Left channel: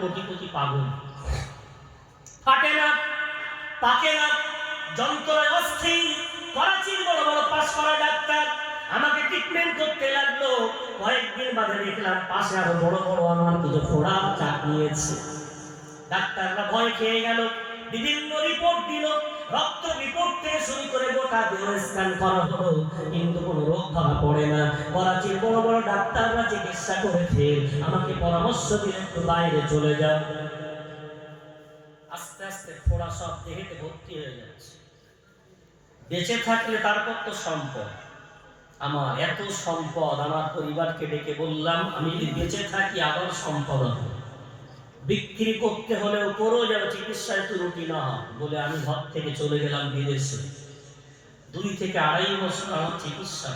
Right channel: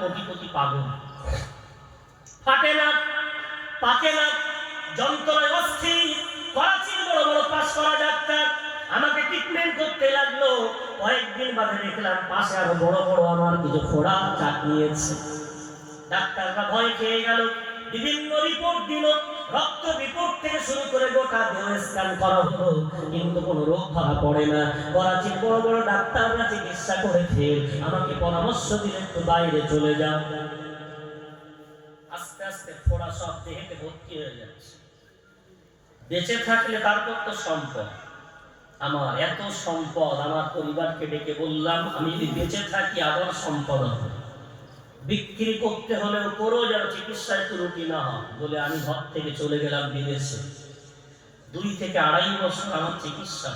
কোটি কোটি পাগল, ফাটে না, পাকে না, যন্ত্রণায় অস্থির। করাচির বড় বড় পাশ করা ডাক্তার আমাকে ট্রিটমেন্ট করতে লাগলো। কয়েকদিন বাদে দেখলাম পাশে আরো বড় বড় আমার কিছু ফোড়া চাক নিয়েছে। ডাক্তাররা ভয় খেয়ে গেল, বিভিন্ন রিপোর্ট দিল, রক্ত রিপোর্ট থেকে শুরু করে গোটা দেহ স্ক্যান করা হলো, কিন্তু কোনো রোগ ধরা পড়ে না। করাচির বড় বড় ডাক্তাররা চিকিৎসা করেছে, আমাকে পরামর্শ দিলেন একটু বাইরে চলে যাও। আস্তে আস্তে ফোড়া সব দেহেতে ভর্তি হয়ে যাচ্ছে। বেঁচে থাকলে তারপর তো সম্পদ, আমার এত সম্পদ, আমার পরিবারকে ডেকে বললাম আমি যদি বেঁচে থাকি আবার সম্পদ হবে, বিক্রি করতে হলেও করো যেন চিকিৎসায় ত্রুটি না হয় বলে আমি ঘর থেকে চলে গেলাম বিদেশে। 2 থেকে 2.5 বছর আমার চিকিৎসা।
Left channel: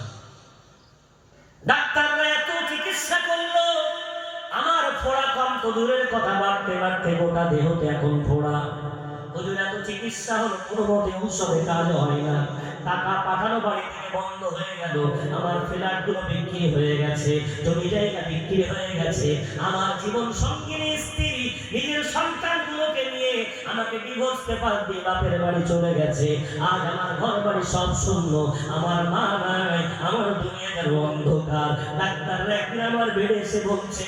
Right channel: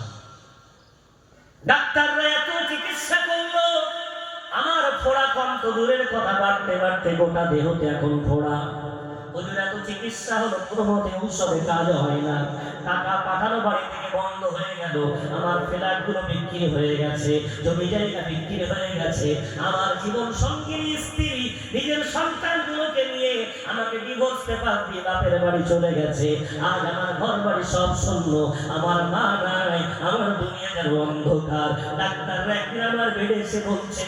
ডাক্তাররা এত চিকিৎসা করলো, আমার ফোড়া কম তো দূরের কথা, বাড়তে বাড়তে গোটা দেহতে এখন ফোড়া। হুজুর এত চিকিৎসা হলো, কোনো মতে ঔষধে কাজ হয় না, টাকা পাঠানো বাড়ি থেকে বন্ধ হয়ে গেল, আমার ফ্ল্যাট গুলো বিক্রি হয়ে গেছে, জমি জায়গা বিক্রি হয়ে গেছে, আমার জীবন সঙ্গিনী স্ত্রী নিজের সন্তানগুলোকে নিয়ে আমাকে ডিভোর্স পেপার দিয়ে বাপের বাড়ি চলে গেছে। আজ আমার ঘর বাড়ি সব শূন্য, আমার মা নাই, আমার দুনিয়া যেন অন্ধকার। ডাক্তাররা একদিন আমার বেডে এসে বলছে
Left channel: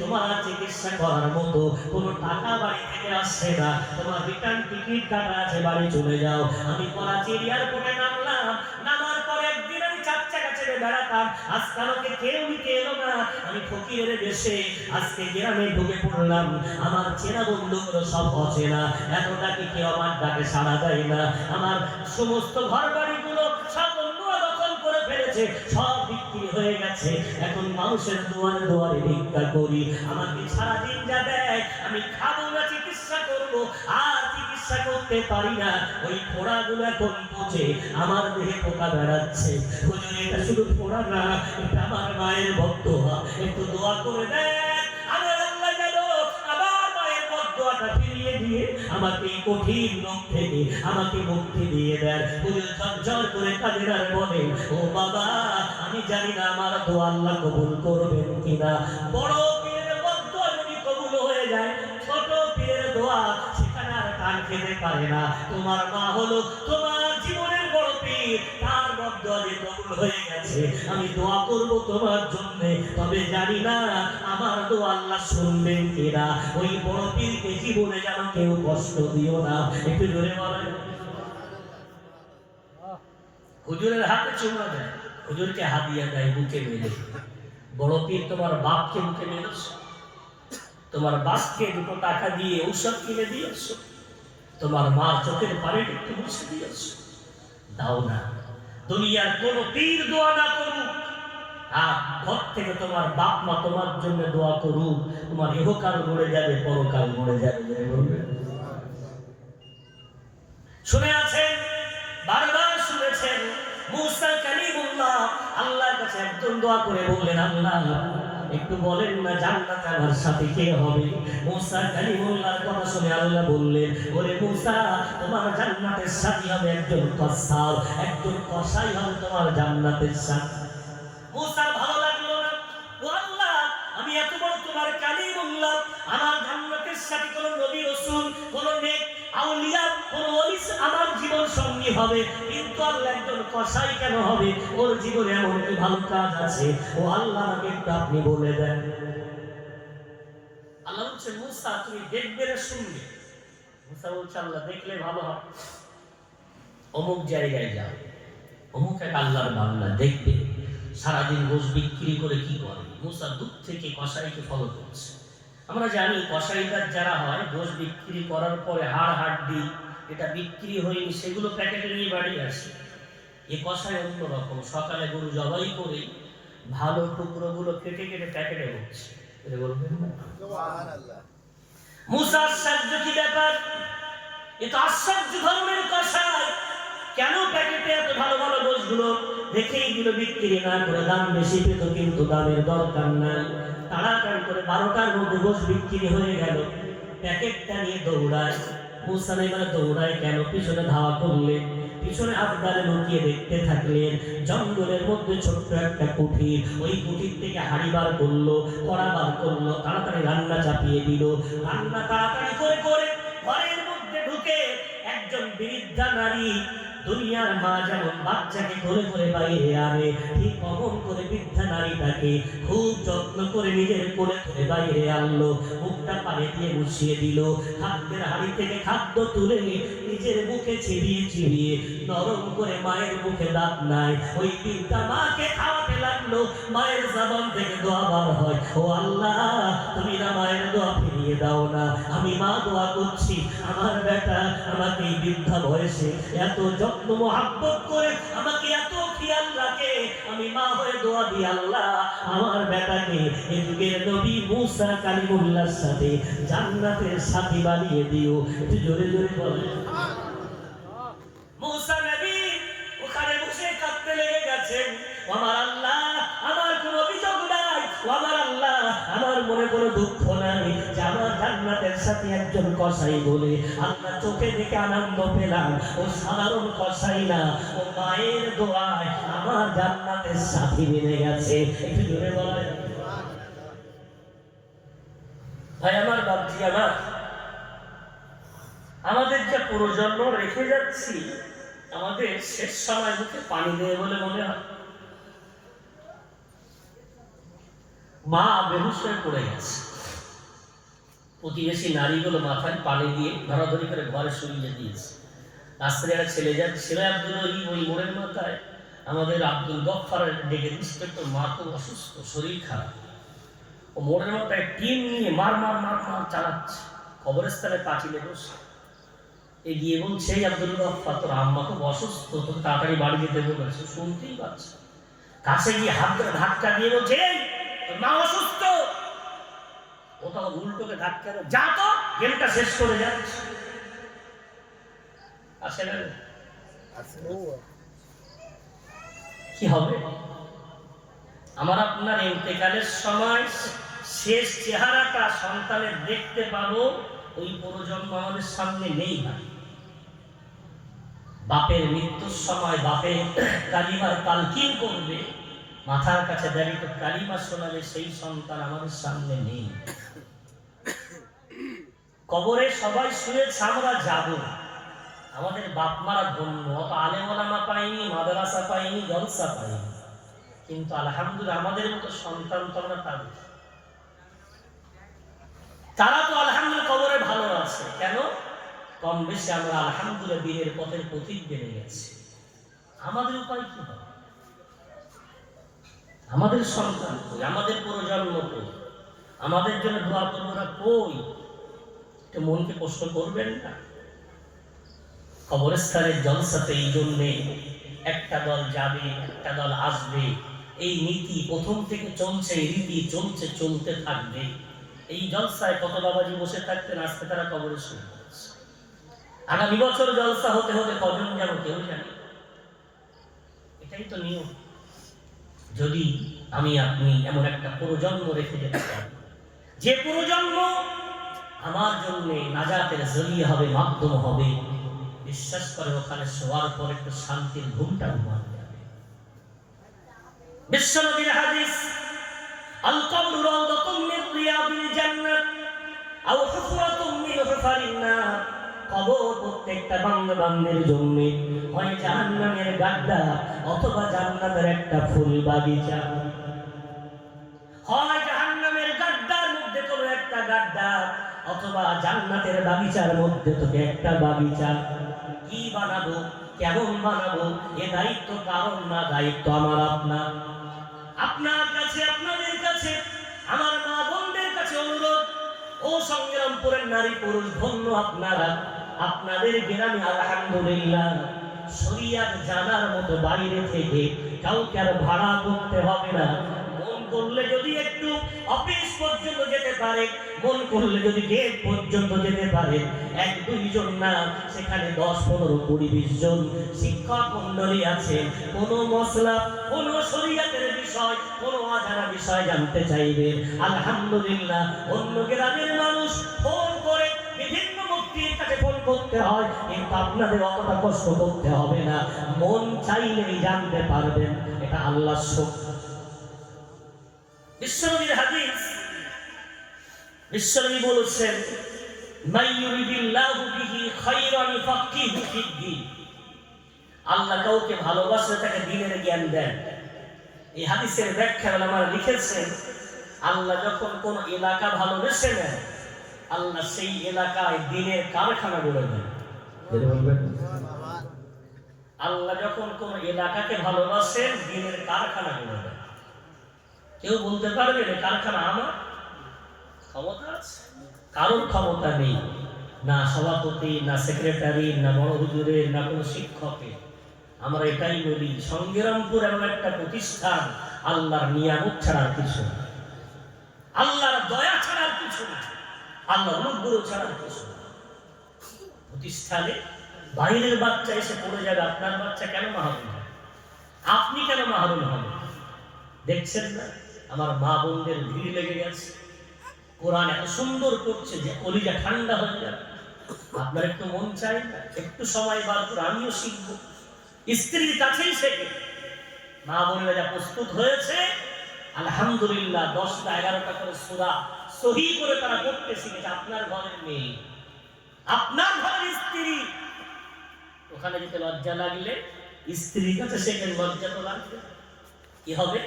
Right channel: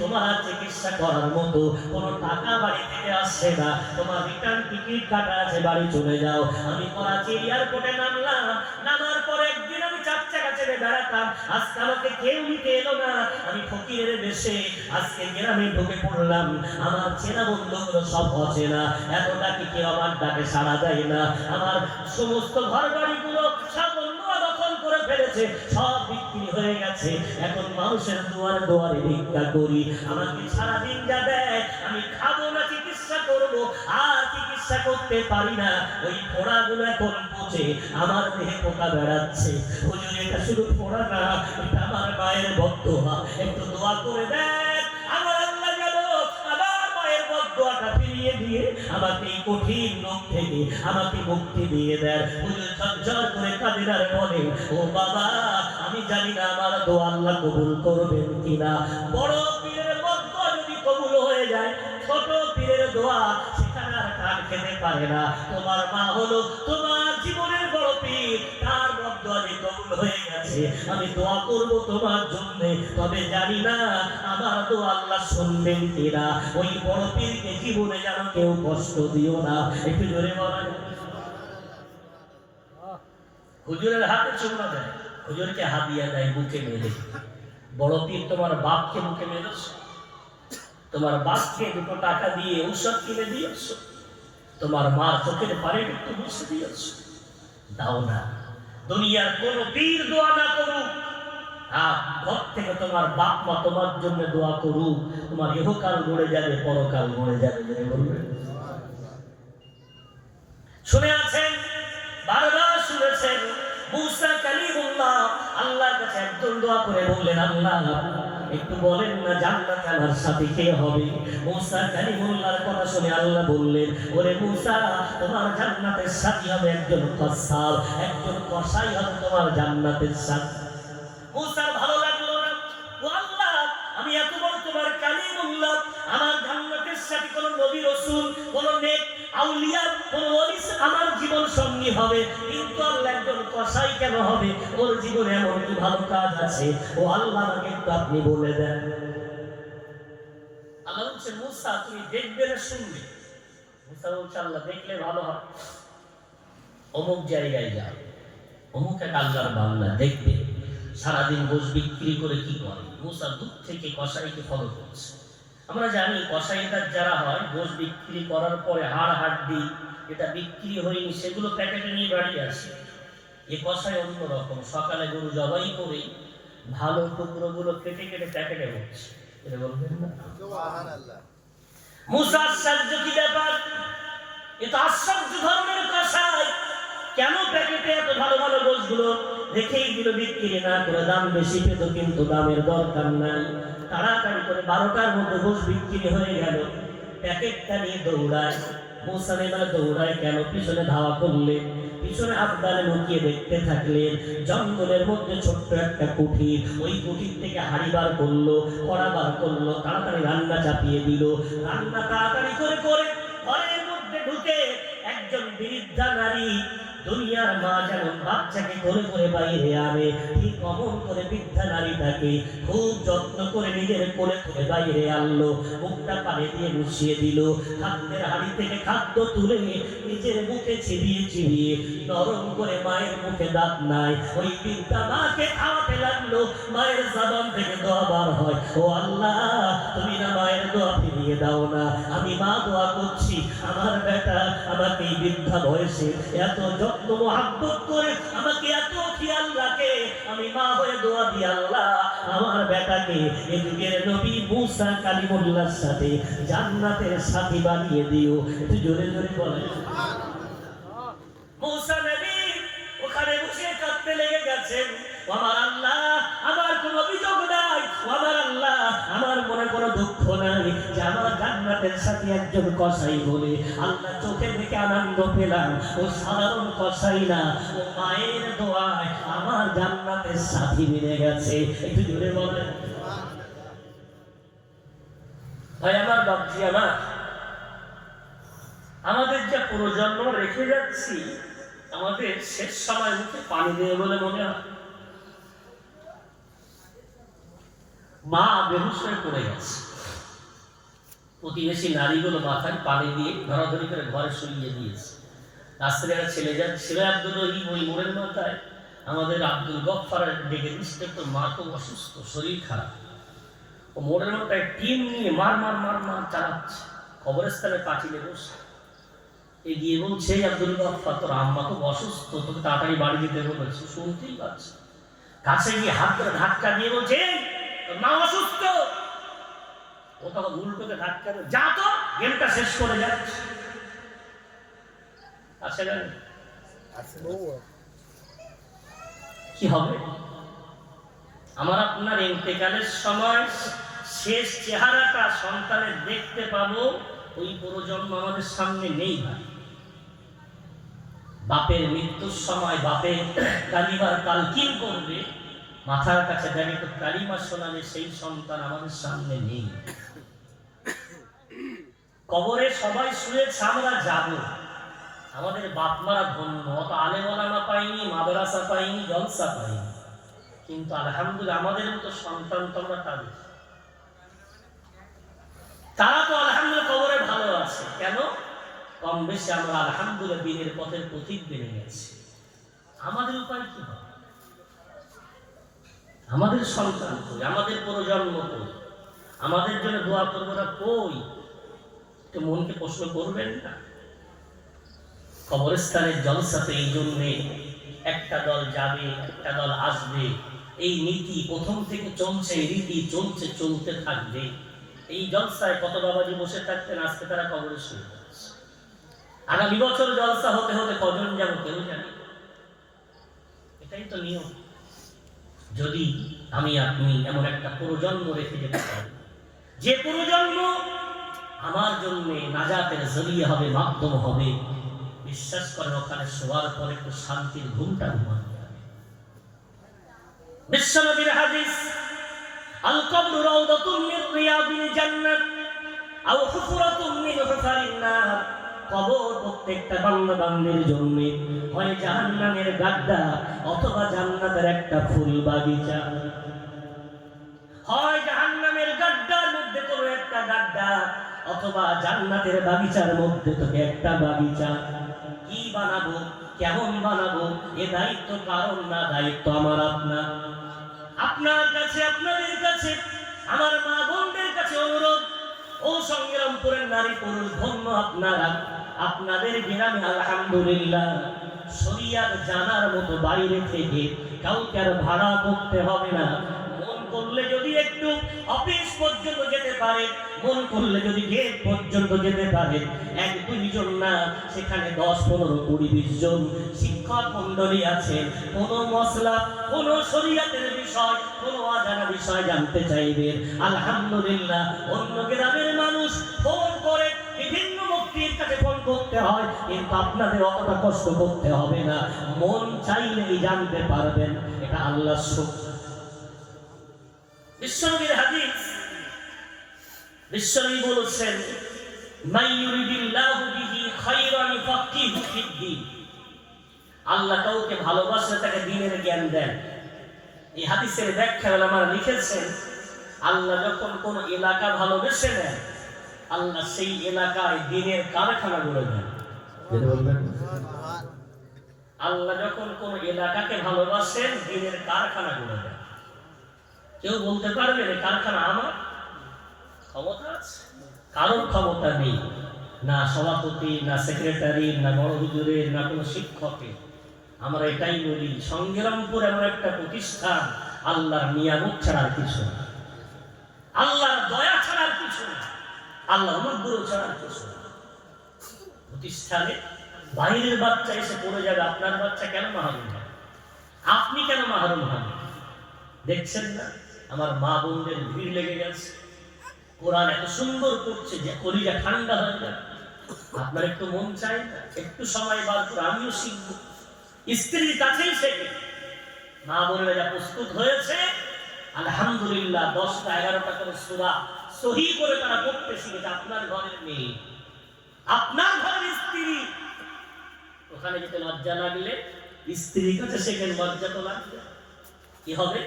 তোমার চিকিৎসা করার মতো কোনো টাকা বাড়ি থেকে আসছে না, তোমার রিটার্ন টিকিট কাটা আছে, বাড়ি চলে যাও। আমি করাচি এয়ারপোর্টে নামলাম, নামার পর একদিন আমি 4 চাকা চেপে বেড়াতাম, আজকে আমাকে কেউ নিতে এলো না, আমি ফকিরের বেশে আজকে গ্রামে ঢুকে পড়লাম। আমার চেনা বন্ধুগুলো সব অচেনা, এত ডাকে কেউ আমার ডাকে সাড়া দেয় না। আমার সমস্ত ঘর বাড়িগুলো সব অন্যরা দখল করে ফেলেছে, সব বিক্রি হয়ে গেছে। এখন মানুষের দুয়ারে দুয়ারে ভিক্ষা করি, আমাকে সারাদিন যা দেয় আমি খাবো না, চিকিৎসা করবো, আর চিকিৎসা করতে পারি না। ওই ফোড়াগুলো এখন পচে আমার দেহে পোকা বেড়াচ্ছে। হুজুর এটা শুধু ফোড়া না, এটা আমার মায়ের বদদোয়া, একটু দোয়া করে দেন, আমার আল্লাহ যেন আমার মায়ের বদদোয়াটা ফিরিয়ে দিয়ে আমাকে এই কঠিন রোগ থেকে আমাকে মুক্তি দিয়ে দেন। হুজুর ঝরঝর করে কাঁদেন আর বলে ও বাবা আমি জানি না আমার দোয়া আল্লাহ কবুল করবেন কিনা। বড় পীরের বদদোয়া যদি কবুল হয়ে যায়, ছোট পীরের দোয়া সেখানে আর কান খেতে পারে না। তোমার মা হলো তোমার জীবনের বড় পীর, তার বদদোয়া যে কবুল হয়ে গেছে, আমি দোয়া করব তোমার জন্য, তবে জানি না আমার দোয়া আল্লাহ শুনবেন কিনা। ওই বড় পীরকে জীবনে যেন কেউ কষ্ট দিও না। একটু জোরে বলেন। হুজুরের হাতে চুমা দেয়, হুজুরকে হাদিয়া দেয় বুকে মেলে। বড় পীর তোমার বাপকে বুকে মেলেছ, তোমার বাপকে 2 টাকা দিয়ে ঔষধ কিনে দিয়েছ, তোমার মা চোখের পানি একটু মুছে দিয়েছ, দাও না। দুনিয়ার কোন পীর দোয়া না করুক, ঘর থেকে তোমার বাপ মা তোমার জন্য দোয়া করুক, তোমার ইহকাল গড়ে যাবে, পরকাল গড়ে যাবে। শুনে আছেন, বারবার শুনেছেন, মুসা কালিমুল্লাহ আল্লাহর কাছে একজন দোয়া করে বললেন আল্লাহ একটু বলেন না জান্নাতে আমার সাথে কে হবে। মুসা কালিমুল্লাহর কথা শুনে আল্লাহ বললেন ওরে মুসা তোমার জান্নাতের সাথী হবে একজন কসাব, একজন কসাই হবে তোমার জান্নাতের সাথী। মুসার ভালো লাগলো না, ও আল্লাহ আমি এত বড় তোমার কালিমুল্লাহ, আমার জান্নাতের সাথী কোন নবী রাসূল কোন নেক আউলিয়া কোন ওলি আমার জীবন সঙ্গী হবে, কিন্তু আল্লাহ একজন কসাই কেন হবে? ওর জীবনে এমন কি ভালো কাজ আছে? ও আল্লাহ আমাকে একটু আপনি বলে দেন। আল্লাহ বলছে মুসা তুমি দেখবে না শুনবে? মুসা বলছে আল্লাহ দেখলে ভালো হয়, অমুক জায়গায় যাও, অমুক এক আল্লাহর বান্দা দেখবে সারাদিন গোশ বিক্রি করে কি করে। মুসা দূর থেকে কসাইকে ফলো করছে। আমরা জানি কসাইদার যারা হয় গোশ বিক্রি করার পরে হাড় হাড্ডি এটা বিক্রি হয়নি সেগুলো প্যাকেটে নিয়ে বাড়ি আসে। এ কসাই অন্যরকম, সকালে গরু জবাই করে ভালো টুকরোগুলো কেটে কেটে প্যাকেটে হচ্ছে। এটা বলবেন না সুবহানাল্লাহ। মুসা আশ্চর্য কি ব্যাপার, এ তো আশ্চর্য ধর্মের কসাই, কেন প্যাকেটে এত ভালো ভালো গোশগুলো রেখেই দিল, বিক্রি না করে দাম বেশি পেত কিন্তু দামের দরকার নাই। তাড়াতাড়ি করে 12টার মধ্যে গোশ বিক্রি হয়ে গেল, প্যাকেটটা নিয়ে দৌড়ায়, মুসা এবার দৌড়ায় কেন, পিছনে ধাওয়া করলেন, পিছনে আবদারে লুকিয়ে দেখতে থাকলেন। জঙ্গলের মধ্যে ছোট্ট একটা কুঠির, ওই কুঠির থেকে হাড়ি বার করলো, কড়া বার করলো, তাড়াতাড়ি রান্না চাপিয়ে দিল। রান্না তাড়াতাড়ি করে করে ঘরের মধ্যে ঢুকে একজন বৃদ্ধা নারী, দুনিয়ার মা যেমন বাচ্চাকে কোলে করে বাইরে আনে, ঠিক অমন করে বৃদ্ধা নারীটাকে খুব যত্ন করে নিজের কোলে করে বাইরে আনলো। মুখটা পানি দিয়ে মুছিয়ে দিল, খাদ্যের হাড়ি থেকে খাদ্য তুলে নিজের মুখে চিবিয়ে চিবিয়ে নরম করে, মায়ের মুখে দাঁত নাই, ওই বৃদ্ধা মাকে খাওয়াতে লাগলো। মায়ের জবান থেকে দোয়া বার হয়, ও আল্লাহ তুমি না মায়ের দোয়া ফিরিয়ে দাও না, আমি মা দোয়া করছি আমার বেটা আমাকে এই বৃদ্ধা বয়সে এত যত্ন মোহাব্বত করে আমাকে এত খেয়াল রাখে, আমি মা হয়ে দোয়া দিই আল্লাহ আমার বেটাকে এই যুগের নবী মুসা কালিমুল্লাহর সাথে জান্নাতের সাথী বানিয়ে দিও। একটু জোরে জোরে বলে। মুসা নবী ওখানে বসে কাঁদতে লেগে গেছেন, আমার আল্লাহ আমার কোনো অভিযোগ নাই, আমার আল্লাহ আমার মনে কোনো দুঃখ নাই যে আমার জান্নাতের সাথে একজন কসাই বলে আল্লাহ চোখে দেখে আনন্দ পেলাম। ও সাধারণ কসাই না, ও মায়ের দোয়ায় আমার জান্নাতের সাথী মিলে গেছে। একটু জোরে বলে। ভাই আমার, বাপজি আমার, আমাদের যে প্রজন্ম রেখে যাচ্ছি, আমাদের শেষ সময় মুখে পানি দেয় বলে মনে হয়। মা বেহুশ হয়ে পড়ে গেছে, প্রতিবেশী নারীগুলো মাথায় পানি দিয়ে ধরাধরি করে ঘরে শুইয়ে দিয়েছে। রাস্তায় একটা ছেলে যাচ্ছে, ছেলে আব্দুল রহিম, ওই মোড়ের মাথায় আমাদের আব্দুল গফফারের ডেকে ইন্সপেক্টর, মা খুব অসুস্থ, শরীর খারাপ, ও মোড়ের মাথায় টিম নিয়ে মার মার মার মার চালাচ্ছে, কবরস্থানে পাঁচিলে বসে এগিয়ে বলছে, আব্দুল গফফার তোর আম্মা খুব অসুস্থ, তোকে তাড়াতাড়ি বাড়ি যেতে বলেছে। শুনতেই পাচ্ছে, কাছে গিয়ে হাত ধরে ধাক্কা দিয়ে বলছে, তোর মা অসুস্থ। ও তখন উল্টোকে ধাক্কা দেয়, যা তো গেমটা শেষ করে যাচ্ছে। আসে না কি হবে? আমার আপনার ইন্তেকালের সময় শেষ চেহারাটা সন্তানের দেখতে পাবো, ওই প্রজন্ম আমাদের সামনে নেই। ভাই, বাপের মৃত্যুর সময় বাপের কালিমার তালকিন করবে, মাথার কাছে দাঁড়িয়ে তো কালিমা শোনাবে, সেই সন্তান আমাদের সামনে নেই। কবরে সবাই শুয়েছে, আমরা যাব, আমাদের বাপ মারা ধন্য, অত আলেম ওলামা পাইনি, মাদ্রাসা পাইনি, জলসা পাইনি, কিন্তু আলহামদুলিল্লাহ আমাদের মতো সন্তান তো আমরা তাদের, তারা তো আলহামদুলিল্লাহ কবরে ভালো আছে। কেন? কম বেশি আমরা আলহামদুলিল্লাহ বীরের পথের পথিক বেড়ে গেছি। আমাদের উপায় কি হবে? আমাদের সন্তান কই, আমাদের প্রজন্ম কই, আমাদের জন্য দোয়া করবো না কই? একটু মনকে প্রশ্ন করবেন না? কবরস্থানের জলসাতে এই জন্যে একটা দল যাবে, একটা দল আসবে, এই নীতি প্রথম থেকে চলছে, এই রীতি চলছে, চলতে থাকবে। এই জলসায় কত বাবাজি বসে থাকতেন, আজকে তারা কবরে শুয়ে পড়েছে। আগামী বছর জলসা হতে হতে কজন যাব কেউ জানি। এটাই তো নিয়ম। যদি আমি আপনি এমন একটা প্রজন্ম রেখে যেতে চাই, যে প্রজন্ম আমার জন্য নাজাতের জরিয়া হবে, মাধ্যম হবে, বিশ্বাস করে ওখানে শোয়ার পর একটু শান্তির ঘুমটা ঘুমাতে হবে। বিশ্বনবীর হাদিস, আল কবরু রাউদাতুম মিন রিয়াদিল জান্নাত আও হুফরাতুম মিন হুফারিন নার। কবর প্রত্যেকটা বান্দা বান্দির জন্য হয় জাহান্নামের গাড্ডা অথবা জান্নাতের একটা ফুল বাগিচা। হয় জাহান্নামের গাড্ডার মধ্যে কোনো একটা গাড্ডা অথবা জান্নাতের বাগিচার মধ্যে তোকে একটা বাগিচা। কি বানাবো, কেমন বানাবো, এ দায়িত্ব কারণ না, দায়িত্ব আমার আপনার। আপনার কাছে, আপনাদের কাছে, আমার মা বোনদের কাছে অনুরোধ, ও সংগ্রামপুরের নারী পুরুষ ধন্য আপনারা, আপনাদের গ্রামে আলহামদুলিল্লাহ শরিয়াত জানার মতো বাইরে থেকে কাউকে আর ভাড়া করতে হবে না। মন করলে যদি একটু অফিস পর্যন্ত যেতে পারে, মন করলে যদি গেট পর্যন্ত যেতে পারে, এক দুইজন না, সেখানে 10, 15, 20, 20 জন শিক্ষক মন্ডলী আছে। কোনো মসলা, কোনো শরীয়তের বিষয়, কোনো অজানা বিষয় জানতে চাইবে, আলহামদুলিল্লাহ অন্য গ্রামের মানুষ ফোন করে বিভিন্ন মুফতির কাছে ফোন করতে করতে হয়, কিন্তু আপনাদের অতটা কষ্ট করতে হবে না। মন চাইলেই জানতে পারবেন এটা আল্লাহর সুখ। বিশ্বনবীর হাদিস, বিশ্বনবী বলেছেন মান ইউরিদিল্লাহু বিহি খায়রান ইউফাক্কিহু ফিদ্দীন। আল্লাহ কাউকে ভালোবাসলে তাকে দ্বীনের জ্ঞান দেন। এই হাদিসের ব্যাখ্যা ওলামারা লিখেছেন, আল্লাহ যখন কোন এলাকা ভালোবেসে নেন, আল্লাহ সেই এলাকায় দ্বীনের কারখানা গড়ে দেন। আল্লাহ যখন কোন এলাকাকে ভালোবাসেন, দ্বীনের কারখানা গড়ে দেন। কেউ বলতে পারবে না কারখানা আমার? ক্ষমতা আছে? কারোর ক্ষমতা নেই, না সভাপতি, না সেক্রেটারি, না বড় হুজুরের, না কোনো শিক্ষকের। আমরা এটাই বলি, সংগ্রামপুর এমন একটা প্রতিষ্ঠান, আল্লাহর নিয়ামত ছাড়ার কিছু না, আল্লাহর দয়া ছাড়ার কিছু না, আল্লাহর অনুগ্রহ ছাড়ার কিছু না। প্রতিষ্ঠানে বাইরের বাচ্চা এসে পড়ে যাবে, আপনার বাচ্চা কেন মাহরুম হবে? আপনি কেন মাহরুম হবেন? দেখছেন না আমার মা বোনদের ভিড় লেগে গেছে, কোরআন এত সুন্দর করছে যে কলিজা ঠান্ডা হয়ে যাবে। আপনার একটু মন চাই না একটু সময় বার করে আমিও শিখবো? স্ত্রীর কাছেই শেখে। মা বোনেরা যা প্রস্তুত হয়েছে, আলহামদুলিল্লাহ 10টা 11টা করে সূরা সহি করে তারা পড়তে শিখেছে। আপনার ঘরের মেয়ে, আপনার ঘরের স্ত্রী, ওখানে যেতে লজ্জা লাগলে স্ত্রীর কাছে শেখেন, লজ্জা তো লাগবে। কি হবে?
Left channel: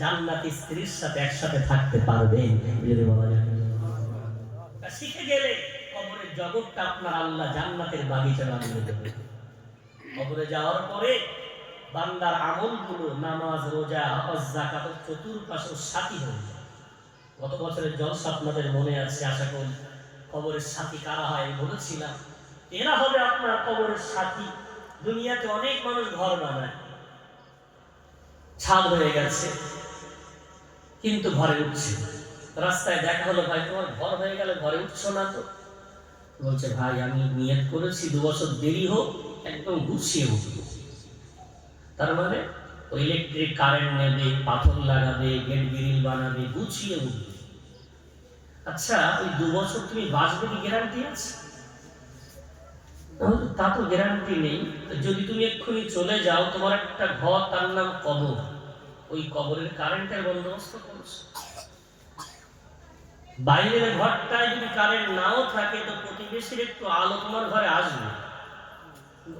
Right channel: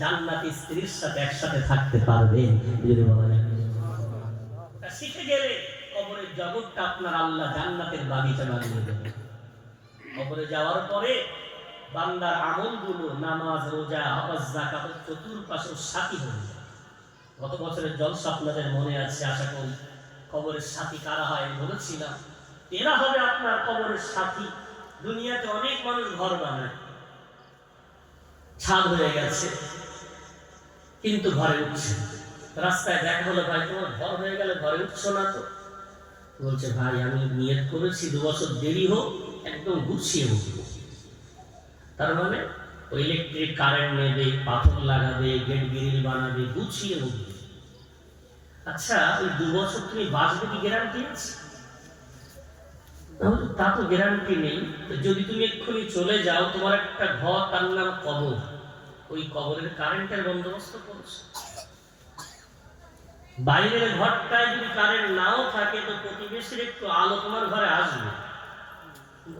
জান্নাতি স্ত্রীর সাথে একসাথে থাকতে পারবেন যদি বলা যায়। শিখে গেলে কবরের জগৎটা আপনার আল্লাহ জান্নাতের বাগিচা বানিয়ে দেবে। কবরে যাওয়ার পরে বান্দার আমলগুলো, নামাজ, রোজা, হজ, যাকাত চতুর্পাশে সাথী হয়ে যায়। গত বছরের জলসা আপনাদের মনে আছে আশা করি। কবরের সাথী কারা হয় আমি বলেছিলাম, এরা হবে আপনার কবরের সাথী। দুনিয়াতে অনেক মানুষ ঘর বানায়, ছাদ হয়ে গেছে কিন্তু ঘরে উঠছে। রাস্তায় দেখা হলো, ভাই তোমার ঘর হয়ে গেলে ঘরে উঠছো না তো? বলছে, ভাই আমি নিয়ত করেছি 2 বছর দেরি হোক, একদম গুছিয়ে উঠবো। তার মানে ওই ইলেকট্রিক কারেন্ট নেবে, পাথর লাগাবে, গেট গ্রিল বানাবে, গুছিয়ে উঠবে। আচ্ছা ওই 2 বছর তুমি বাঁচবে কি গ্যারান্টি আছে? তা তো গ্যারান্টি নেই। যদি তুমি এক্ষুনি চলে যাও, তোমার একটা ঘর, তার নাম কবর, ওই কবরের কারেন্টের বন্দোবস্ত করছো। বাইরের ঘরটায় যদি কারেন্ট নাও থাকে, তো প্রতিবেশীর একটু আলো তোমার ঘরে আসবে।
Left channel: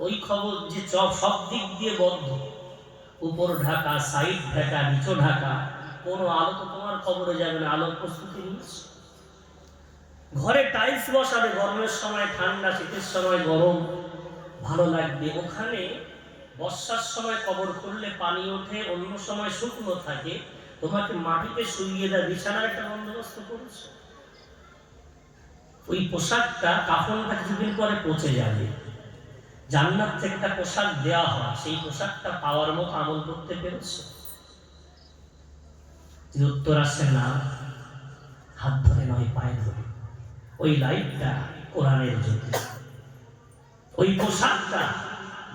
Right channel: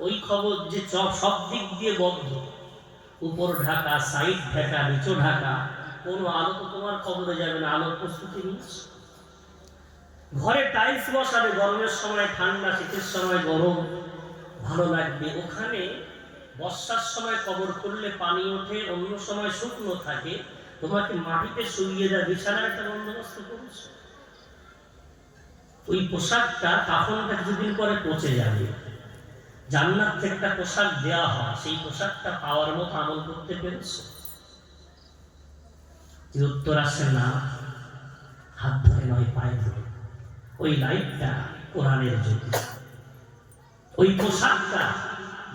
ওই খবর যে সব দিক দিয়ে বদ্ধ, উপর ঢাকা, সাইড ঢাকা, নিচু ঢাকা, কোনো আলো তো তোমার কবরে যাবে না। আলোর প্রস্তুতি নিচ্ছে। ঘরে টাইলস বসাবে, গরমের সময় ঠান্ডা, শীতের সময় গরম, ভালো লাগবে। ওখানে বর্ষার সময় কবর খুললে পানি ওঠে, অন্য সময় শুকনো থাকে, তোমাকে মাটিতে শুইয়ে দেওয়া বিছানার একটা বন্দোবস্ত করেছে। ওই পোশাকটা, কাফনটা কিছুদিন পরে পচে যাবে। জান্নাত থেকে একটা পোশাক দেওয়া হয়, সেই পোশাকটা পাওয়ার মতো আমল করতে পেরেছে? উত্তর আসে না। হাত ধরে নয়, পায়ে ধরে। ওই লাইটটা কোরআনের জ্যোতি, ওই পোশাকটা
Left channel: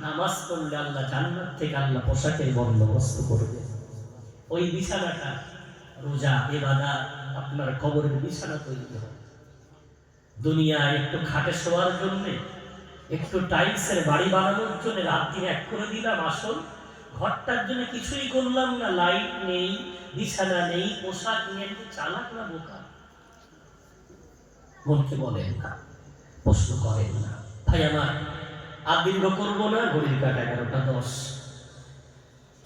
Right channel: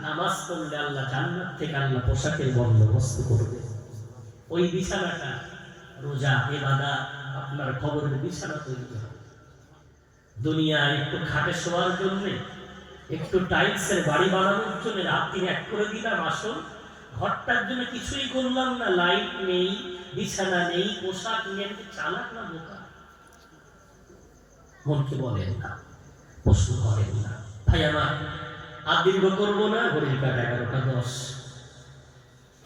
নামাজ পড়লে আল্লাহ জান্নাত থেকে আল্লাহ পোশাকের বন্দোবস্ত করবে। ওই বিছানাটা রোজা, ইবাদত, আপনার কবরের বিছানা তৈরি হবে। দুনিয়ায় একটু খাটে শোয়ার জন্য, একটু টাইলসের বাড়ি বানানোর জন্য রাত দিন এক করে দিলাম আসল, ঘরটার জন্য কিছুই করলাম না। লাইট নেই, বিছানা নেই, পোশাক নেই। চালাক না বোকা? মনকে বলেন না, প্রশ্ন করেন না। ভাই আমার আর দীর্ঘ করবো না, ঘড়ির কাটা 11টা 10।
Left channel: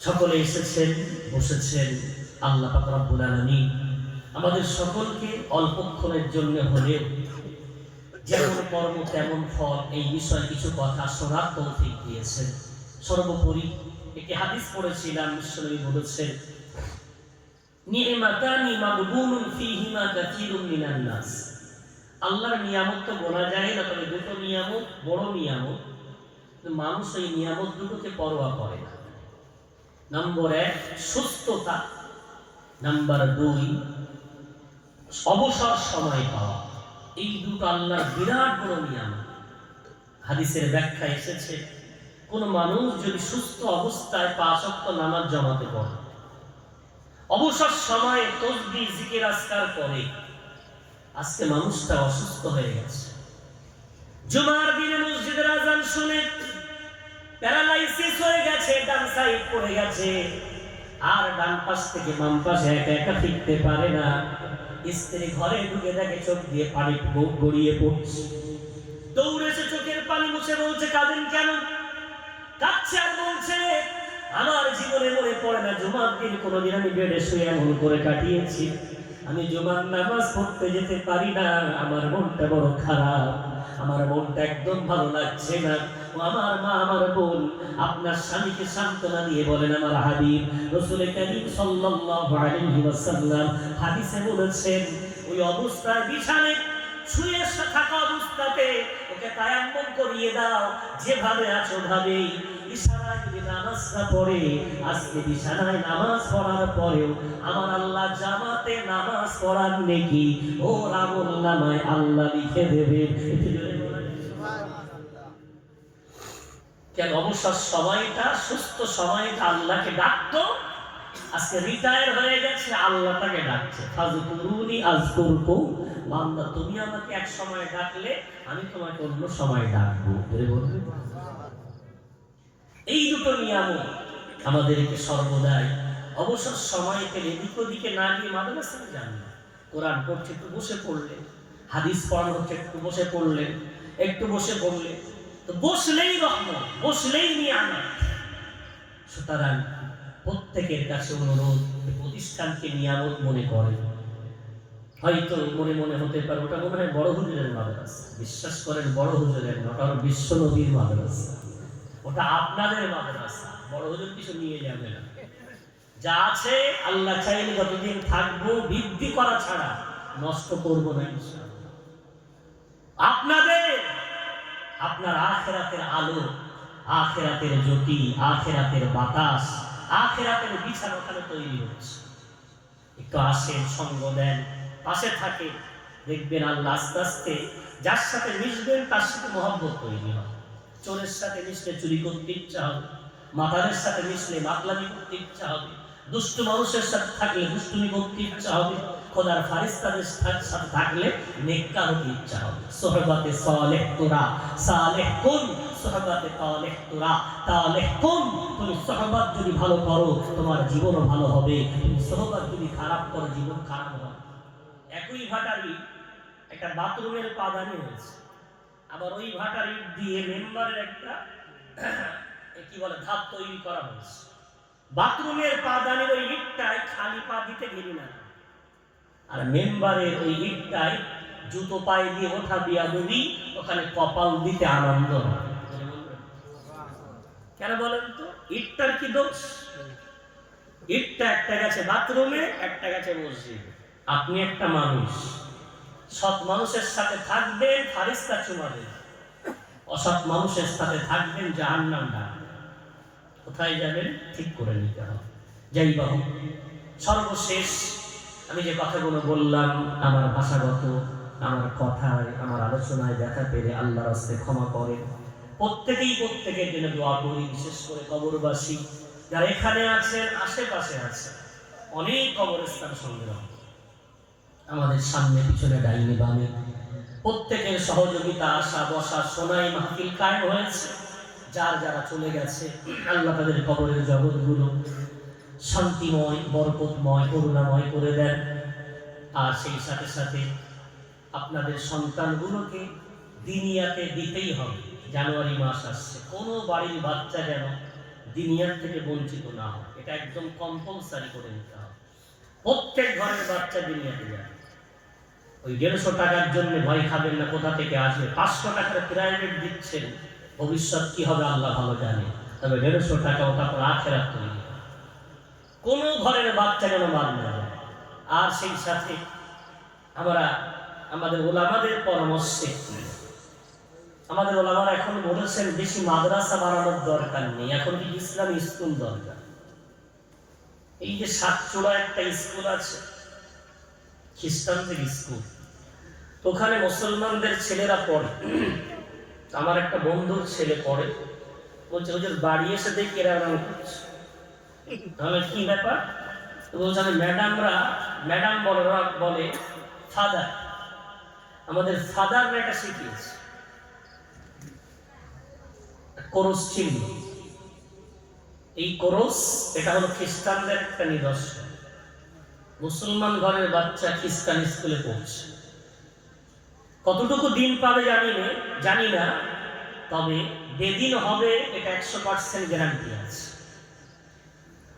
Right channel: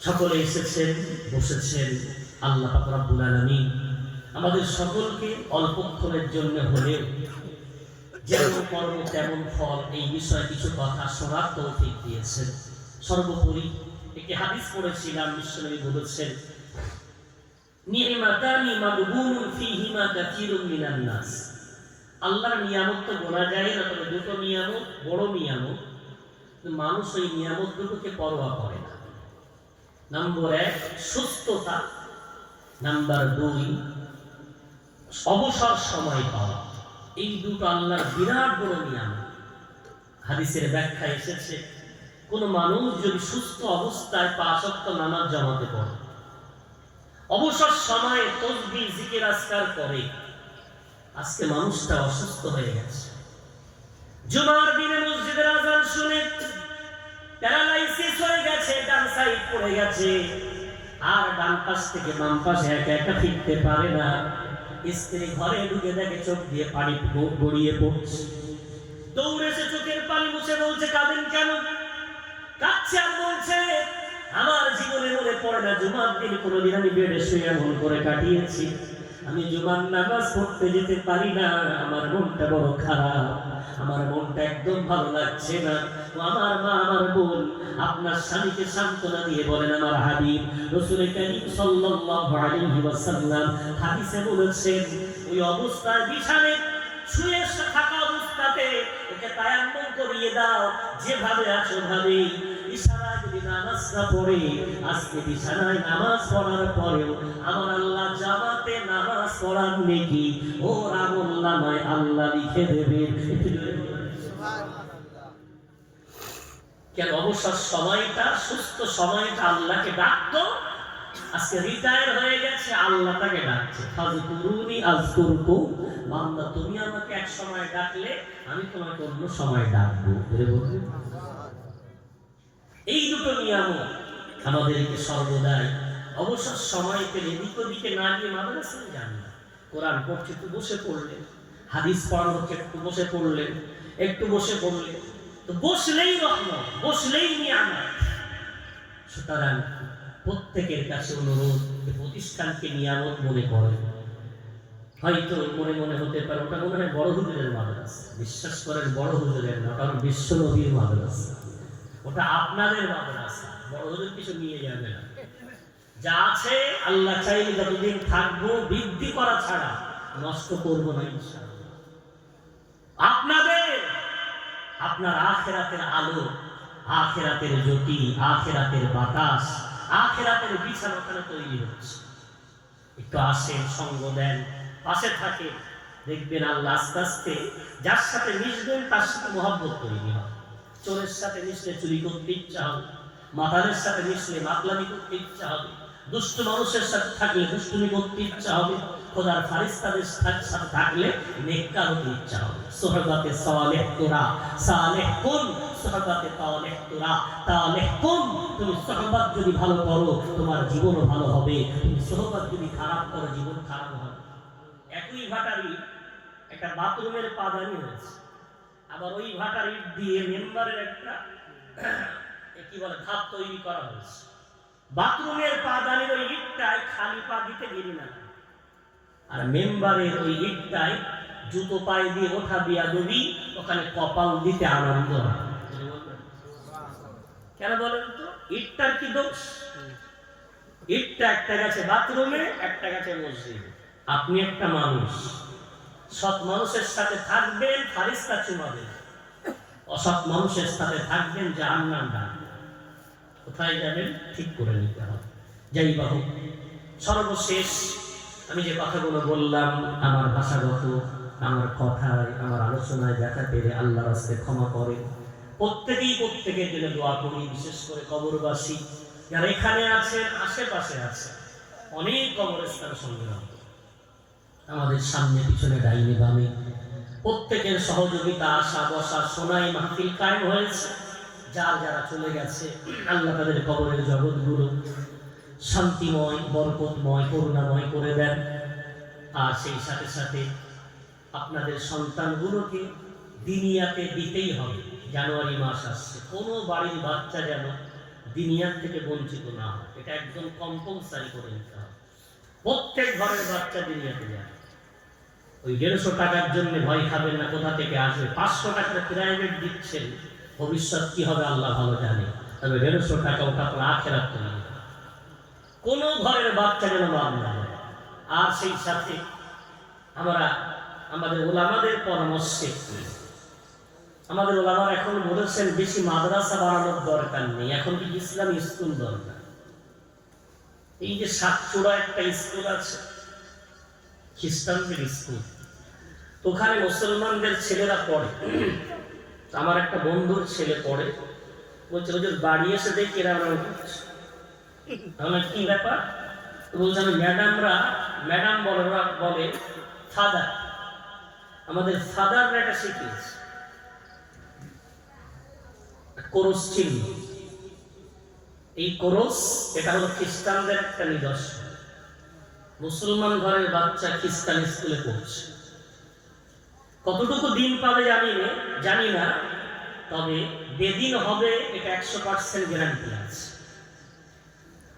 সকলে এসেছেন, বসেছেন। আল্লাহ পাক রব্বুল আলামিন আমাদের সকলকে অল্পক্ষণের জন্য হলেও যেমন কর্ম তেমন ফল, এই বিষয়ে কিছু কথা শোনার তৌফিক দিয়েছেন। সর্বোপরি একটি হাদিস পড়েছিলাম, বিশ্বনবী বলেছেন, নি'মাতানি মাগবুনুন ফীহিমা কাসীরুম মিনান নাস। আল্লাহর নিয়ামত তো বলা যায় না, তবে দুটো নিয়ামত বড় নিয়ামত, মানুষ ওই নিয়ামত দুটোকে পরোয়া করে না। নম্বর 1 সুস্থতা, নাম্বার 2 অবসর সময় পাওয়া। এই দুটো আল্লাহর বিরাট বড় নিয়ামত। হাদিসের ব্যাখ্যা এসেছে, কোন মানুষ যদি সুস্থ অবস্থায় 5 ওয়াক্ত নামাজ জামাতে পড়ে, অবসর সময়ে তাসবিহ, জিকির, আজকার করে। আজকে মানুষটা অসুস্থ হয়ে গেছে, জুমার দিনে মসজিদের আজান শুনে প্যারালাইসিস হয়ে গেছে, ডান সাইড পড়ে গেছে, আর ডান পাশ থেকে বাম পাশে একা একা ফিরতে পারে না। স্ত্রী ঘরে ঢুকে দেখে চোখ দিয়ে পানি গড়িয়ে পড়ছে। দৌড়ে এসে চোখের পানি মুছে বলছে, কাঁদেন কেন? কাঁদছে আর বলছে, আমার জীবনে মনে পড়ে না জুমার দিন কোনোদিন আমি বেডে শুয়ে এমন করে কাটিয়েছি। আমি জুমার নামাজ পড়তে যেতে পারি না, আমার মনটা বড় খারাপ, আমার মনটা একদম ভালো লাগছে না। আমার মা, আমার বোন, আপনার স্বামীকে সান্ত্বনা দিয়ে বলেন, আমার হাবিব রাসূল কারীম সাল্লাল্লাহু আলাইহি ওয়াসাল্লাম হাদিসে বলেছেন, ওই অবস্থায় বিছানায় শুয়ে থাকা অবস্থাতে ওকে তায়াম্মুম করিয়ে দাও, যেভাবে আছো ভাবেই। ইশারায় যদি নামাজটা পড়ে, আজকে বিছানায় নামাজ পড়ার পরেও আমার আল্লাহ জামাতে নামাজ পড়ার নেকি ওর আমলনামায় আল্লাহ লিখে দেবে। কেন? অবসর সময়টা, সুস্থ সময়টা আল্লাহকে ডাকতো, আজকে রিটায়ার হয়ে গেছে, আল্লাহ তাকে ডাকছে, ফাযকুরুনি আযকুরকুম, বান্দা তুমি আমাকে এক সময় ডাকলে আমি তোমাকে অন্য সময় ডাকবো। এই দুটো নিয়ম আমাদেরকে সর্বদাই অবসর সময় পেলে এদিক ওদিকে না গিয়ে মাদ্রাসায় যান না। কোরআন পড়ছে একটু বসে পড়লেন, হাদিস পড়ানো হচ্ছে একটু বসে পড়লেন, একটু বসে পড়লেন, তো বসলেই রহমত, বসলেই নিয়ামত। সুতরাং প্রত্যেকের কাছে অনুরোধ, প্রতিষ্ঠানকে নিয়ামত মনে করেন। হয়তো মনে মনে হতে পারে ওটা মনে হয় বড় হুজুরের মাদ্রাসা। বিশ্বাস করেন, বড় হুজুরের না, ওটা বিশ্ব নবীর মাদ্রাসা, ওটা আপনাদের মাদ্রাসা। বড় হুজুর কিছু নিয়ে যাবে না, যা আছে আল্লাহ চাইলে যতদিন থাকবো বৃদ্ধি করা ছাড়া নষ্ট করবো না ইনশাআল্লাহ। আপনাদের, আপনার আখিরাতের আলো, আখিরাতের জ্যোতি, আখিরাতের বাতাস, আখিরাতের বিছানা ওখানে তৈরি হচ্ছে। একটু আসেন, সঙ্গ দেন, পাশে থাকে, দেখবেন আল্লাহ আস্তে আস্তে যার সাথে মিশবেন তার সাথে মহব্বত তৈরি হয়। চোরের সাথে মিশলে চুরি করতে ইচ্ছা হবে, মাতালের সাথে মিশলে মাতলামি করতে ইচ্ছা হবে, দুষ্ট মানুষের সাথে থাকলে দুষ্টুমি করতে ইচ্ছা হবে, খোদার ফারিস্তাদের সাথে থাকলে নেককার হতে ইচ্ছা হবে। সোহবতে সালেহ তোরা সালেহ কুন, সোহবতে তালেহ তোরা তালেহ কুন। তুমি সোহবত যদি ভালো করো তোমার জীবনও ভালো হবে, তুমি সোহবত যদি খারাপ করো জীবন খারাপ হবে। একই ভাটারি একটা বাথরুমের পাদানি হয়েছে, আবার ওই ভাটার ইট দিয়ে মেম্বারের একটা কি বলে ধাপ তৈরি করা হয়েছে। বাথরুমের পাদানির ওই ইটটায় খালি পা দিতে গেলি না, আর মেম্বারের ওই ইটটায় জুতো পায়ে দিয়ে ওঠা দিয়া দেবি, ওখানে কপাল দিতে আনন্দ হয়। কেন বলেন তো? ইটটার কি দোষ? ইটটা একটা গেছে বাথরুমে, একটা গেছে মসজিদে। আপনি একটা মানুষ, সৎ মানুষের সাথে থাকবেন, ফারিস্তা চুমা দেবেন, অসৎ মানুষের সাথে থাকবেন, জাহান্নাম ডাকবেন। কোথায় যাবেন ঠিক করে নিতে হবে। যাই বাহু, সর্বশেষ আমি যে কথাগুলো বললাম, আমার ভাষাগত, আমার কথায়, আমার আলোচনায় দেখা পেলে আল্লাহর রাস্তে ক্ষমা করেন। প্রত্যেকেই প্রত্যেকের জন্য দোয়া করি, বিশেষ করে কবরবাসী যারা এখানে আছেন, আশেপাশে আছেন, অনেক কবরস্থান সংগ্রাম, আমাদের সামনে পিছনে ডাইনে বামে প্রত্যেকের সহযোগিতা, আসা বসা, শোনাই মাহফিল কায়েম হয়েছে। যার যারা চলে গেছে আল্লাহ তাদের কবরের জগৎগুলো শান্তিময়, বরকতময়, করুণাময় করে দেন। আর সেই সাথে সাথে আপনাদের সন্তানগুলোকে দিনিয়াতে দিতেই হবে। জানুয়ারি মাস আসছে, কোনো বাড়ির বাচ্চা যেন দিনিয়াত থেকে বঞ্চিত না হয়, এটা একদম কম্পালসারি করে নিতে হবে। প্রত্যেক ঘরের বাচ্চা দিনিয়াতে যায়। ওই 150 টাকার জন্য ভয় খাবেন না কোথা থেকে আসবে। 500 টাকার প্রাইভেট দিচ্ছেন, ভবিষ্যৎ কি হবে আল্লাহ ভালো জানে, তবে 150 টাকা ওটা আপনার আখিরাত তৈরি হবে। কোনো ঘরের বাচ্চা যেন বাদ না যায়। আর সেই সাথে আমরা আমাদের ওলামাদের পরামর্শে, আমাদের ওলামারা এখন বলেছেন বেশি মাদ্রাসা বানানোর দরকার নেই, এখন কি ইসলামী স্কুল দরকার। এই যে সাতচূড়া একটা স্কুল আছে, খ্রিস্টানদের স্কুল, ওখানে মুসলমানদের ছেলেরা পড়ে। আমার একটা বন্ধুর ছেলে পড়ে, বলছে ওদের বাড়ি এসে দেখি এরা করছে। তাহলে কি ব্যাপার? বলছে আমি ম্যাডাম বলে, ওরা বলে ফাদার, আমাদের ফাদাররা এটা শিখিয়েছে। ক্রস চিহ্ন। এই ক্রস এটা হলো খ্রিস্টানদের একটা নিদর্শন। মুসলমান ঘরের বাচ্চা খ্রিস্টান স্কুলে পড়ছে, কতটুকু দিন পাবে জানি না, তবে বেদিন হবে এটা 100% গ্যারান্টি আছে।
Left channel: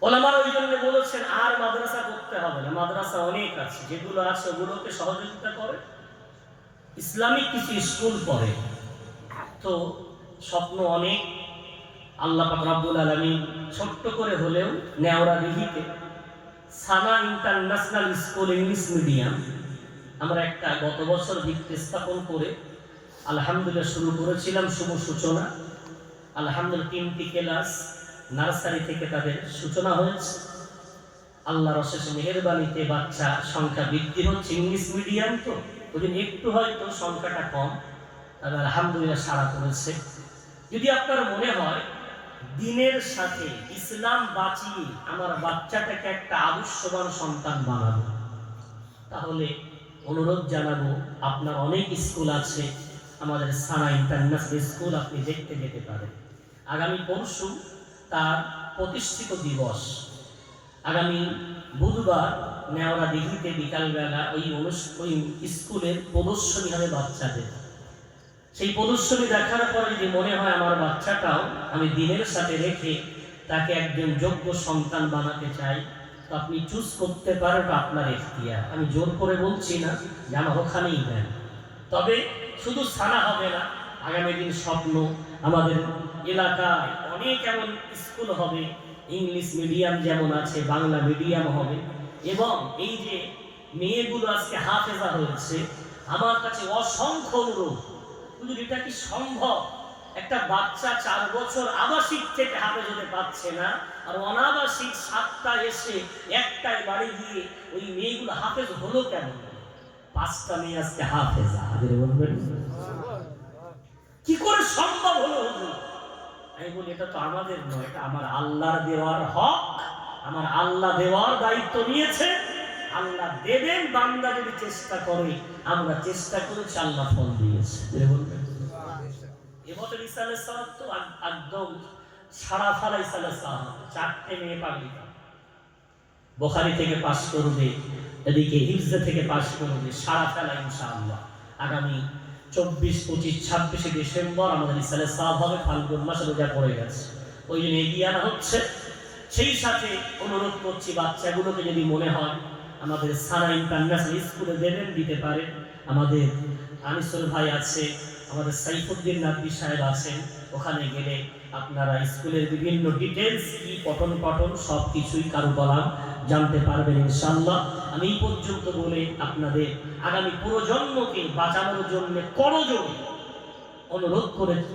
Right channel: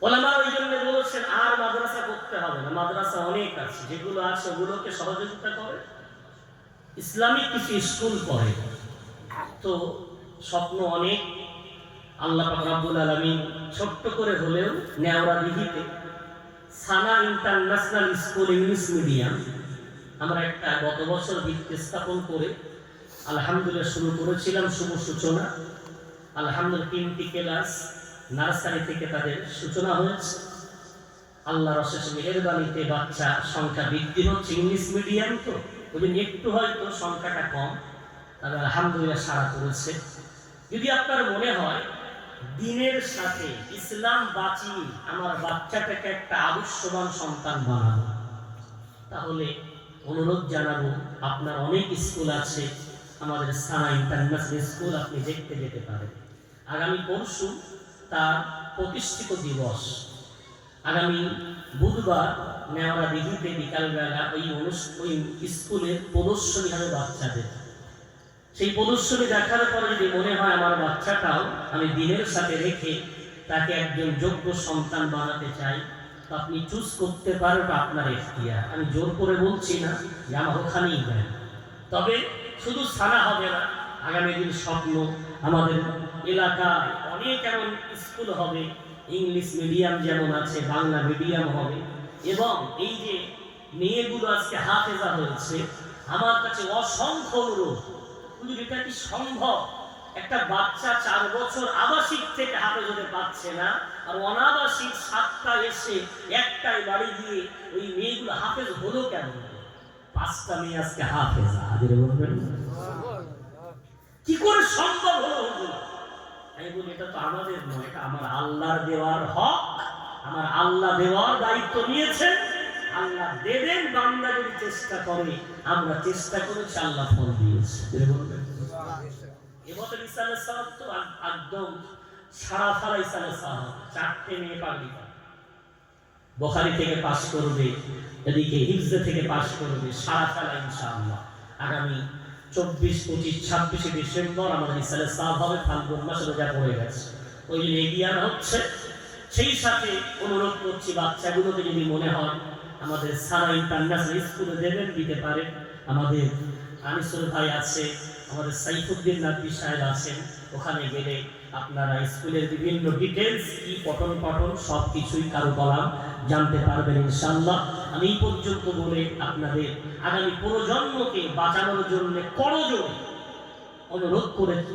ওলামা ওই জন্য বলেছেন আর মাদ্রাসা করতে হবে না, মাদ্রাসা অনেক আছে, যেগুলো আছে ওগুলোকে সহযোগিতা করে, ইসলামিক কিছু স্কুল পড়ে। তো স্বপ্ন অনেক, আল্লাহ পাক রব্বুল আলামিন ছোট্ট করে হলেও নেওড়া দিঘিতে সানা ইন্টারন্যাশনাল স্কুল ইংলিশ মিডিয়াম আমরা একটা গত বছর ভিত্তি স্থাপন করে আলহামদুলিল্লাহ শুরু করেছিলাম। শুভ সূচনা, আলহামদুলিল্লাহ 3টি ক্লাস নার্সারি থেকে তাদের সূচনা হয়েছে। আল্লাহর অশেষ মেহেরবানিতে বাচ্চা সংখ্যা বৃদ্ধি হচ্ছে। ইংলিশ মিডিয়াম তো ওই জন্য একটু হয়তো সংখ্যাটা কম, তবে আলহামদুলিল্লাহ সাড়া পড়েছে। যদি আপনার মনে হয় দিনের সাথে ইসলাম বাঁচিয়ে আমার বাচ্চাটাকে একটা আদর্শবান সন্তান বানাবো, তাহলে অনুরোধ জানাবো, আপনার অনেক স্কুল আছে, আমাদের সানা ইন্টারন্যাশনাল স্কুল আপনি দেখতে যেতে পারেন। আগামী পরশু তার প্রতিষ্ঠিত দিবস, আগামী বুধবার নেওড়া দিঘিতে বিকালবেলা ওই স্কুলের প্রদর্শনী হবে বাচ্চাদের। সেই প্রদর্শনী দেখার পরে যদি মনে হয় আমার বাচ্চাটাও আমি দিনের সাথে রেখে তাকে একজন যোগ্য সন্তান বানাতে চাই, তো আপনি চুজ করতে পারেন, আপনার এখতিয়ার। আমি জোর করে বলছি না যে আমার ওখানেই দেন, তবে শুধু সানা হবে না, আগামী দিন স্বপ্ন আমাদের এলাকায় অনেক এমন স্কুল হবে, ইংলিশ মিডিয়াম যেমন আছে বাংলা মিডিয়াম হবে। এবং এই যে মেয়েগুলো আজকে হাফেজা হয়েছে, আমার কাছে অসংখ্য অনুরোধ, এটা কি সম্ভব? একটা বাচ্চা 4 বছর আবাসিক থেকে হাফেজ হতে পারছে না, আর অনাবাসিক 7টা এসে একটাই বাড়ি গিয়ে ওই মেয়েগুলো হাফেজ হলো কেন? 5টা মেয়ে আজকে হাফেজা, বলবেন কি করে সম্ভব হলো? আমি বলি এটা তো আমাদের নয়, এটা আমার আল্লাহর দেওয়ার হক, আমার আল্লাহ দেওয়ার দায়িত্ব নিয়েছে। আল্লাহ দেবেন, বান্দা যদি চেষ্টা করে, আমরা চেষ্টা করেছি, আল্লাহ ফল দিয়েছে। এবছর ইসালের সালাত তো একদম সারা ফারা ইসালের সালাত, 4টে মেয়ে পাগড়ি বুখারী থেকে পাস করবে, এদিকে হিফজে থেকে পাস করবে, সারা ফেলা ইনশাআল্লাহ। আগামী 24, 25, 26 ডিসেম্বর আমাদের ইসালের সালাত হবে, ফাল্গুন মাসে রোজা পড়ে গেছে, ওই জন্য এগিয়ে আনা হচ্ছে। সেই সাথে অনুরোধ করছি, বাচ্চাগুলোকে যদি মনে হয় আমাদের সানা ইন্টারন্যাশনাল স্কুলে দেবেন, দিতে পারেন। আমাদের আনিসুল ভাই আছে, আমাদের সাইফুদ্দিন নাকবি সাহেব আছেন, ওখানে গেলে আপনারা স্কুলের বিভিন্ন ডিটেলস কি পঠন পাঠন সব কিছুই কারুকলাম জানতে পারবেন ইনশাআল্লাহ। আমি এই পর্যন্ত বলে আপনাদের আগামী প্রজন্মকে বাঁচানোর জন্য করজোড়ে অনুরোধ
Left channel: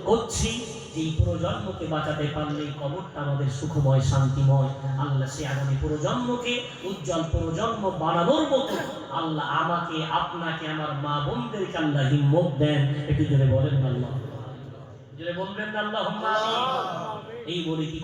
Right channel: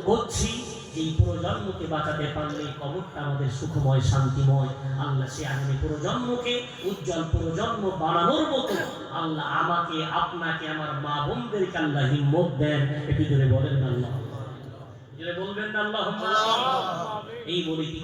করছি যে এই প্রজন্মকে বাঁচাতে পারলে এই কবরটা আমাদের সুখময় শান্তিময়। আল্লাহ সে আগামী প্রজন্মকে উজ্জ্বল প্রজন্ম বানানোর মতো আল্লাহ আমাকে, আপনাকে, আমার মা বোনদেরকে আল্লাহ হিম্মত দেন। একটু জোরে বলেন আল্লাহ, জোরে বলবেন আল্লাহুম্মা আমিন। এই বলে কি